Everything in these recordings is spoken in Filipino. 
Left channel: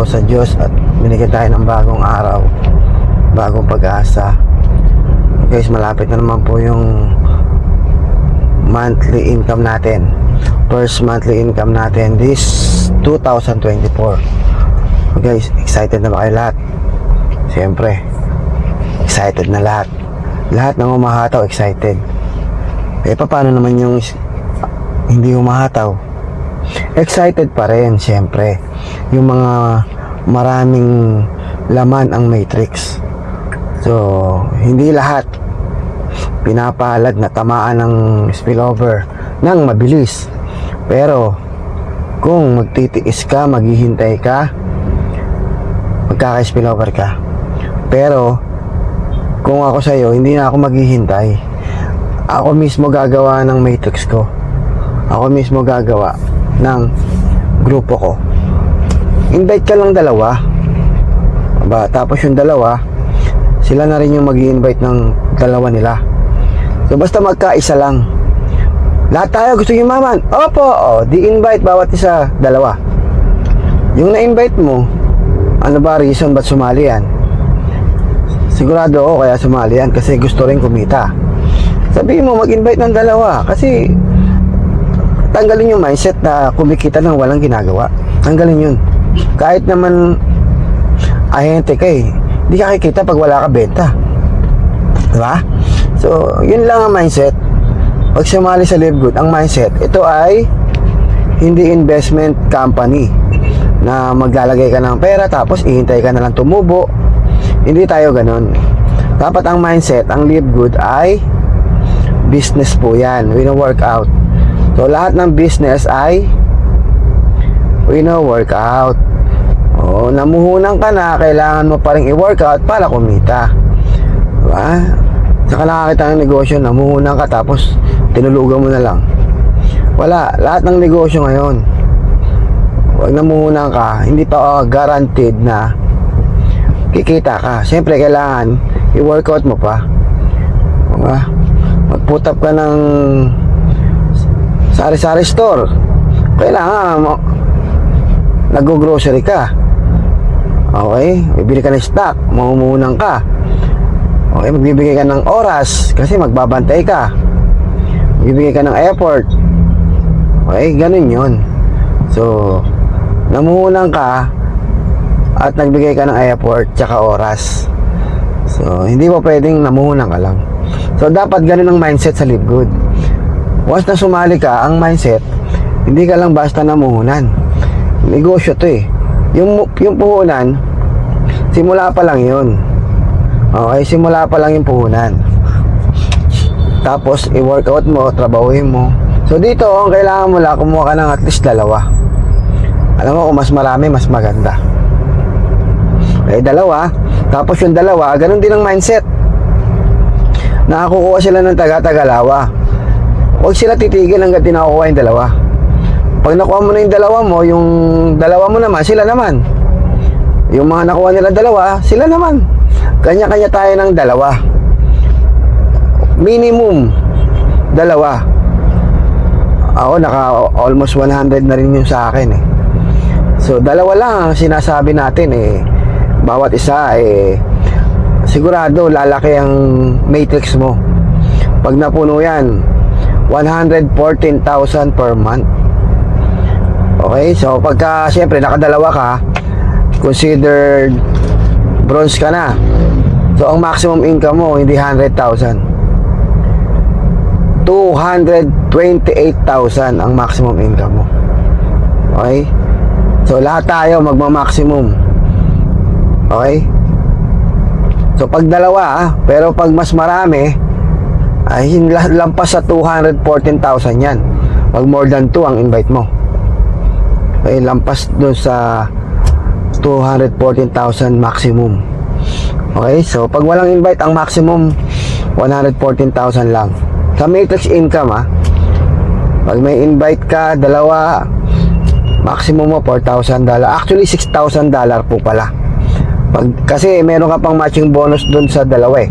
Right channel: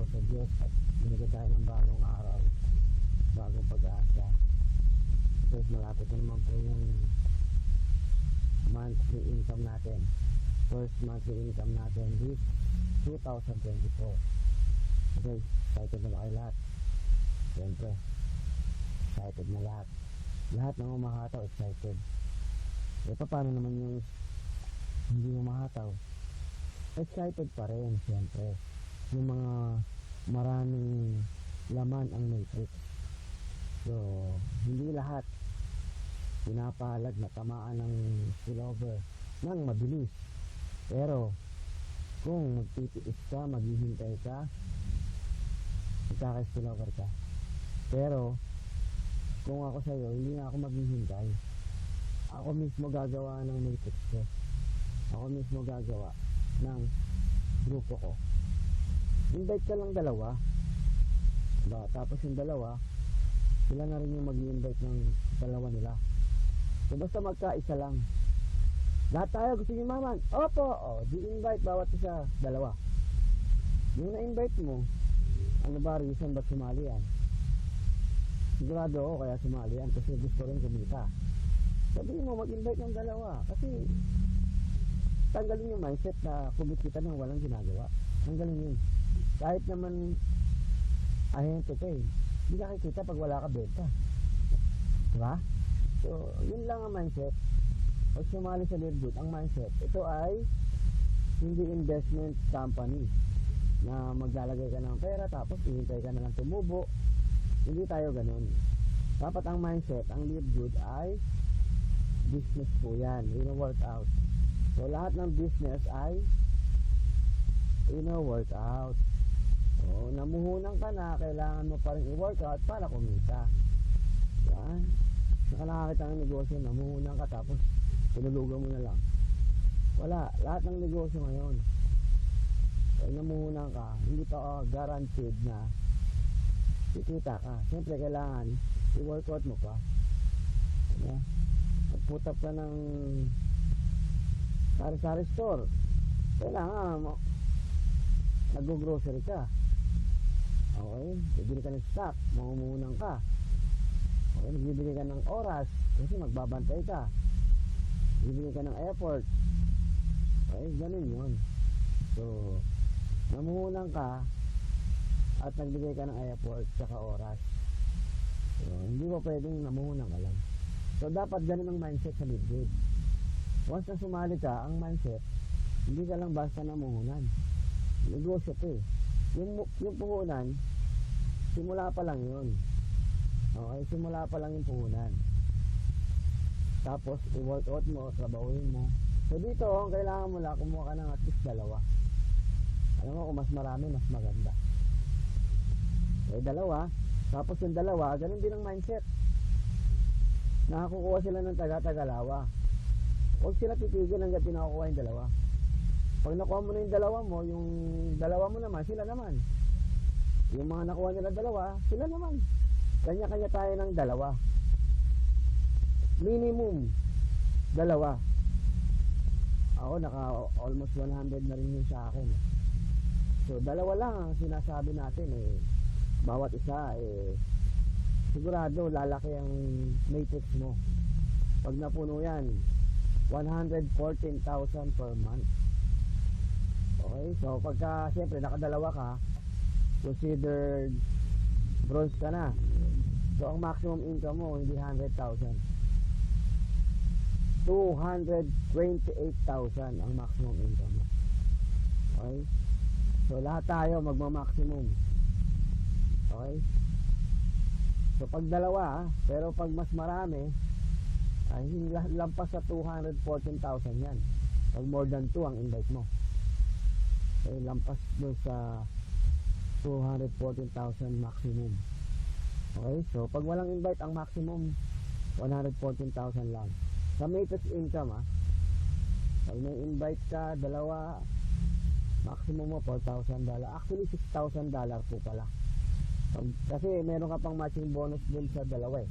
po sa Diyos at binigyan tayo ng bagong araw, bagong pag-asa. Guys, malapit na naman po yung monthly income natin. First monthly income natin this 2024. Guys, excited na ba kayo lahat? Siyempre, excited na lahat. Lahat ng umahataw, excited. Paano naman yung hindi umahataw? Excited pa rin, siyempre. Yung mga maraming laman ang matrix. So, hindi lahat pinapalad na tamaan ng spillover ng mabilis. Pero, kung magtitiis ka, maghihintay ka, magkaka-spillover ka. Pero, kung ako sa'yo, hindi na ako maghihintay. Ako mismo gagawa ng matrix ko. Ako mismo gagawa ng grupo ko. Invite ka lang dalawa. Tapos yung dalawa, sila na rin yung mag-i-invite ng dalawa nila. So basta magkaisa lang. Lahat tayo gusto yumaman. Opo, di-invite bawat isa, dalawa. Yung na-invite mo, ano ba reason ba't sumali yan? Sigurado ako kaya sumali yan kasi gusto rin kumita. Sabihin mo mag-invite ng dalawa kasi tanggalin yung mindset na kumikita ng walang ginagawa. Tanggalin yun. Kahit naman ahente ka hindi ka kikita pag wala ka benta. Diba? So, yun lang ang mindset. Pag sumali sa Live Good, ang mindset, ito ay hindi investment company na maglalagay ka ng pera tapos ihintay ka na lang tumubo. Hindi tayo ganun. Dapat ang mindset, ang Live Good ay business po yan. Wino-work out. So, lahat ng business ay wino-workout. Namuhunan ka na, kailangan mo pa rin i-workout para kumita. Diba? Saka nakakita ng negosyo, namuhunan ka tapos tinulugan mo na lang. Wala. Lahat ng negosyo ngayon, huwag namuhunan ka, hindi pa guaranteed na kikita ka. Siyempre, kailangan i-workout mo pa. Diba? Mag-put up ka ng sari-sari store, kailangan mo nag-grocery ka. Okay, bibili ka ng stock, mamumuhunan ka. Okay, magbibigay ka ng oras kasi magbabantay ka, magbibigay ka ng effort. Okay, ganun yun. So, namuhunan ka at nagbigay ka ng effort tsaka oras. So, hindi mo pwedeng namuhunan ka lang. So, dapat ganun ang mindset sa Live Good. Once na sumali ka, ang mindset, hindi ka lang basta namuhunan. Negosyo to Yung puhunan, simula pa lang yun. Okay, simula pa lang yung puhunan. Tapos, i-workout mo, trabahuin mo. So, dito, ang kailangan mo lang, kumuha ka ng at least dalawa. Alam mo, kung mas marami, mas maganda. Okay, dalawa. Tapos yung dalawa, ganun din ang mindset. Nakakukuha sila ng taga-tagalawa. Huwag sila titigil hanggang tinakuha yung dalawa. Pag nakuha mo na yung dalawa mo naman, sila naman. Yung mga nakuha nila dalawa, sila naman. Kanya-kanya tayo ng dalawa. Minimum, dalawa. Ako, naka almost 100 na rin yung sa akin So, dalawa lang ang sinasabi natin Bawat isa sigurado lalaki ang matrix mo. Pag napuno yan, 114,000 per month. Okay, so pagka siyempre nakadalawa ka, considered bronze ka na. So ang maximum income mo hindi 100,000, 228,000 ang maximum income mo. Okay, so lahat tayo magma-maximum. Okay, so pag dalawa pero pag mas marami ay lampas sa 214,000 yan. Pag more than 2 ang invite mo, ay lampas doon sa 214,000 maximum. Okay, so pag walang invite, ang maximum 114,000 lang. Sa matrix income pag may invite ka, dalawa, maximum mo $4,000. Actually, $6,000 po pala. Kasi meron ka pang matching bonus doon sa dalawa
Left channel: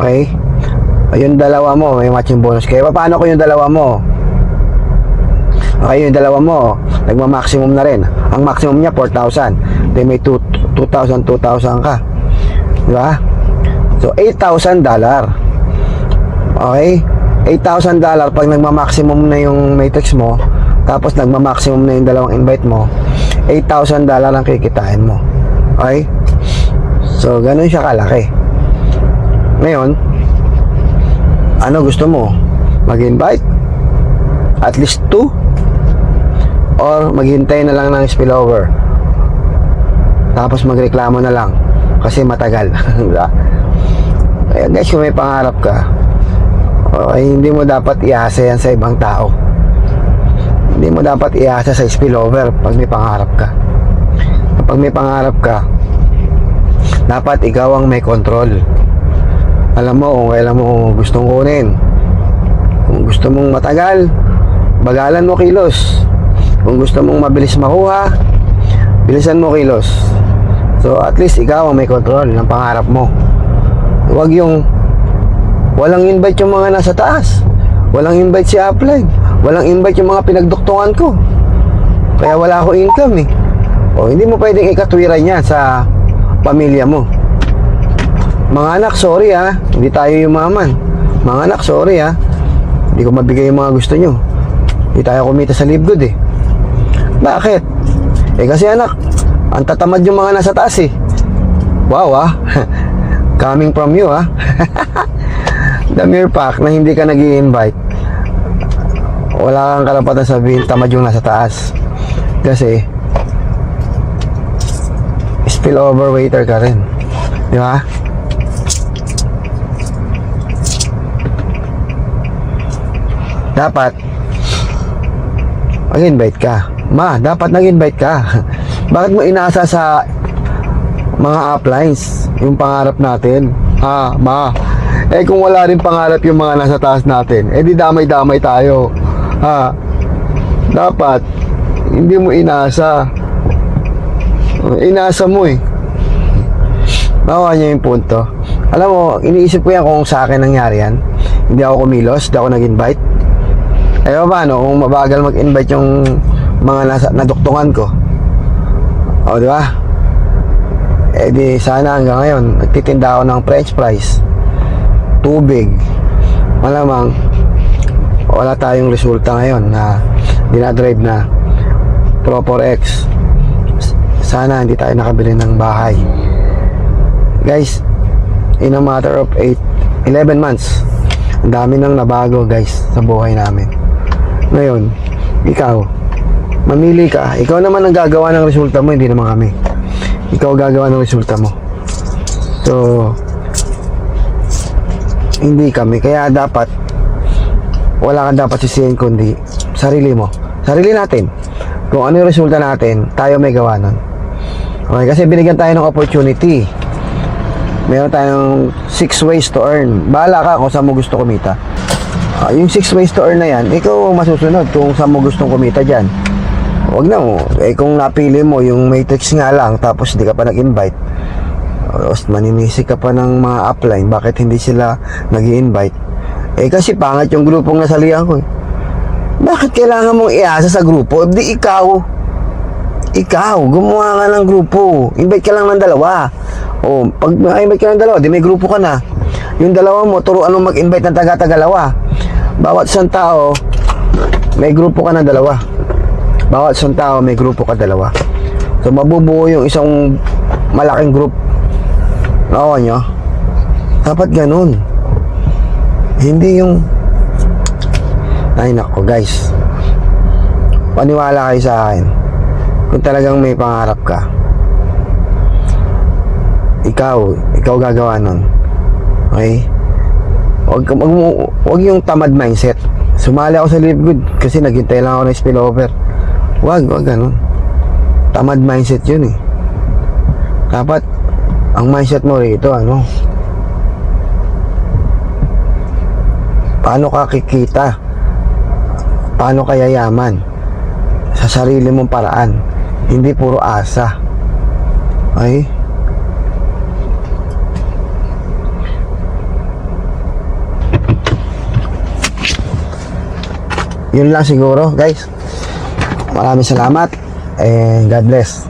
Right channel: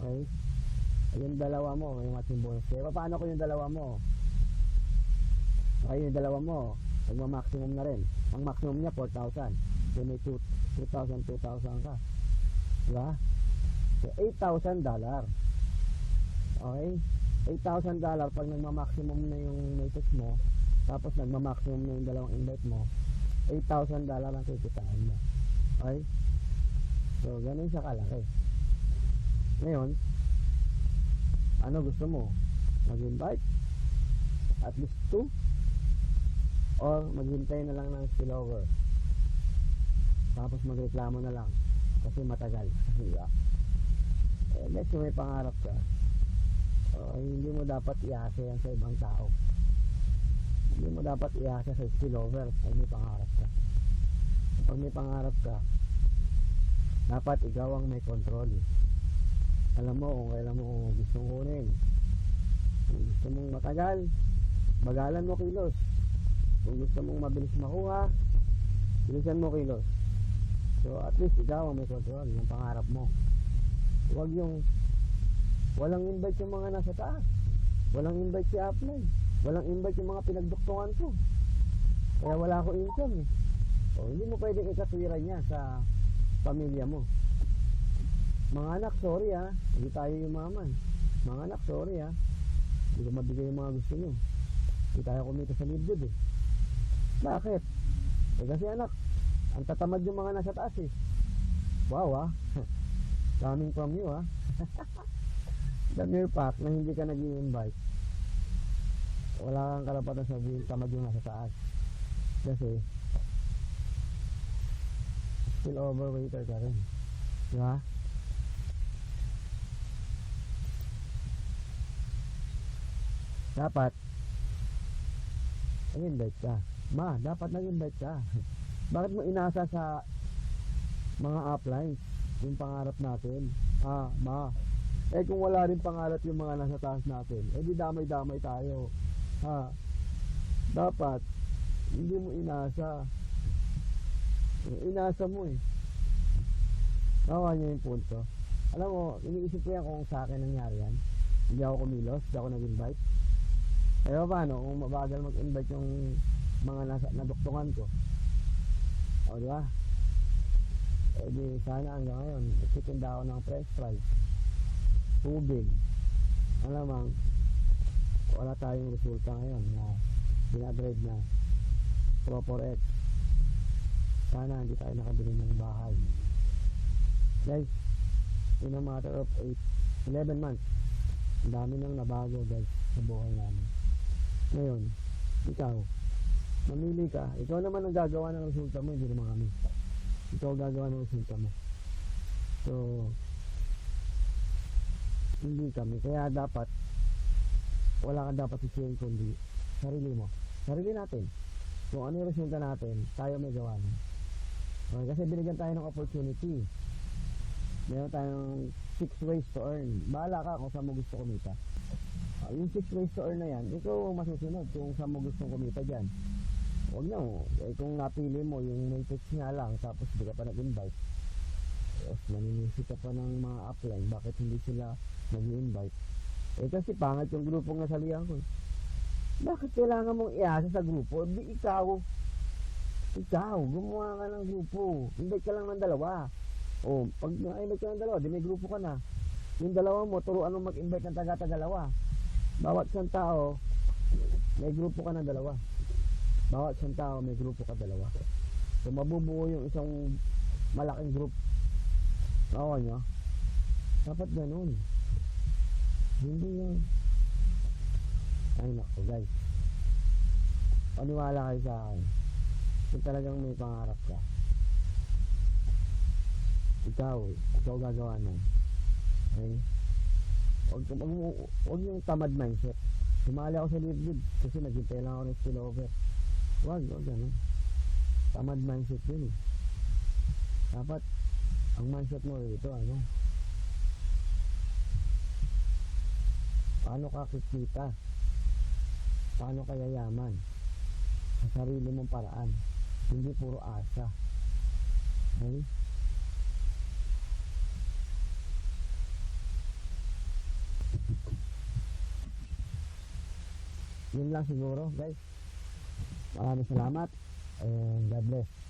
Okay, yung dalawa mo may matching bonus. Kaya paano ko yung dalawa mo? Okay, yung dalawa mo, nagma-maximum na rin. Ang maximum niya, 4,000. Then may 2,000 ka. Di ba? So, $8,000. Okay? $8,000 pag nagma-maximum na yung matrix mo, tapos nagma-maximum na yung dalawang invite mo, $8,000 ang kikitain mo. Okay? So, ganun siya kalaki. Ngayon, ano gusto mo? Mag-invite? At least 2? Or maghintay na lang ng spillover? Tapos magreklamo na lang kasi matagal. Kaya guys, kung may pangarap ka, okay, hindi mo dapat iasa yan sa ibang tao. Hindi mo dapat iasa sa spillover pag may pangarap ka. Kapag may pangarap ka, dapat ikaw ang may control. Alam mo kung kailan mo gustong kunin. Kung gusto mong matagal, bagalan mo kilos. Kung gusto mong mabilis makuha, bilisan mo kilos. So at least ikaw ang may control ng pangarap mo. Huwag yung walang invite yung mga nasa taas, walang invite si upline, walang invite yung mga pinagduktungan ko, kaya wala akong income eh. O hindi mo pwedeng ikatwiran yan sa pamilya mo. Mga anak, sorry ha, hindi tayo yumaman. Mga anak, sorry ha, hindi ko mabigay yung mga gusto nyo. Hindi tayo kumita sa live good eh. Bakit? Eh kasi anak, ang tatamad yung mga nasa taas eh. Wow ah. Coming from you ah. The mere fact na hindi ka nag-i-invite, wala kang karapatan sabihin tamad yung nasa taas. Kasi spillover waiter ka rin. Di ba? Dapat mag-invite ka. Ma, dapat nag-invite ka. Bakit mo inaasa sa mga uplines yung pangarap natin? Ha, ma? Eh kung wala rin pangarap yung mga nasa taas natin, eh di damay-damay tayo. Ha? Dapat hindi mo inaasa. Inaasa mo eh. Nakuha niya yung punto. Alam mo, iniisip ko yan kung sa akin nangyari yan. Hindi ako kumilos, hindi ako nag-invite. Eh paano kung mabagal mag-invite yung mga nasa naduktungan ko? O di ba? Eh di sana hanggang ngayon nagtitinda ako ng french fries, tubig. Malamang wala tayong resulta ngayon na dinadrive na Pro 4X. Sana hindi tayo nakabili ng bahay. Guys, in a matter of 11 months, ang dami nang nabago guys sa buhay namin. Ngayon, ikaw, mamili ka. Ikaw naman ang gagawa ng resulta mo, hindi naman kami. Ikaw gagawa ng resulta mo. So, hindi kami. Kaya dapat, wala kang dapat sisihin kundi sarili mo. Sarili natin. Kung ano yung resulta natin, tayo may gawa nun. Okay, kasi binigyan tayo ng opportunity. Meron tayong 6 ways to earn. Bahala ka kung saan mo gusto kumita. Yung 6 ways to earn na yan, ikaw masusunod kung saan mo gustong kumita dyan. Huwag na mo. Eh kung napili mo yung matrix nga lang, tapos hindi ka pa nag-invite, maninisi ka pa ng mga upline, bakit hindi sila nag-i-invite? Eh kasi pangat yung grupong nasalihan ko eh. Bakit kailangan mong iasa sa grupo? Di ikaw, gumawa ka ng grupo. Invite ka lang ng dalawa. O, pag invite ka ng dalawa, di may grupo ka na. Yung dalawa mo, turuan mo mag-invite ng taga-tagalawa. Bawat isang tao, may grupo ka ng dalawa. Bawat isang tao, may grupo ka dalawa. So, mabubuo yung isang malaking group. Nakuha nyo? Dapat ganun. Hindi yung... Ay, nako guys. Paniwala kayo sa akin. Kung talagang may pangarap ka, ikaw gagawa nun. Okay? Huwag yung tamad mindset. Sumali ako sa Live Good kasi naghintay lang ako ng spillover. Huwag ganun. Tamad mindset yun eh. Dapat ang mindset mo rito, paano ka kikita? Paano ka yayaman? Sa sarili mong paraan, hindi puro asa. Okay? Yun lang siguro guys. Maraming salamat and God bless.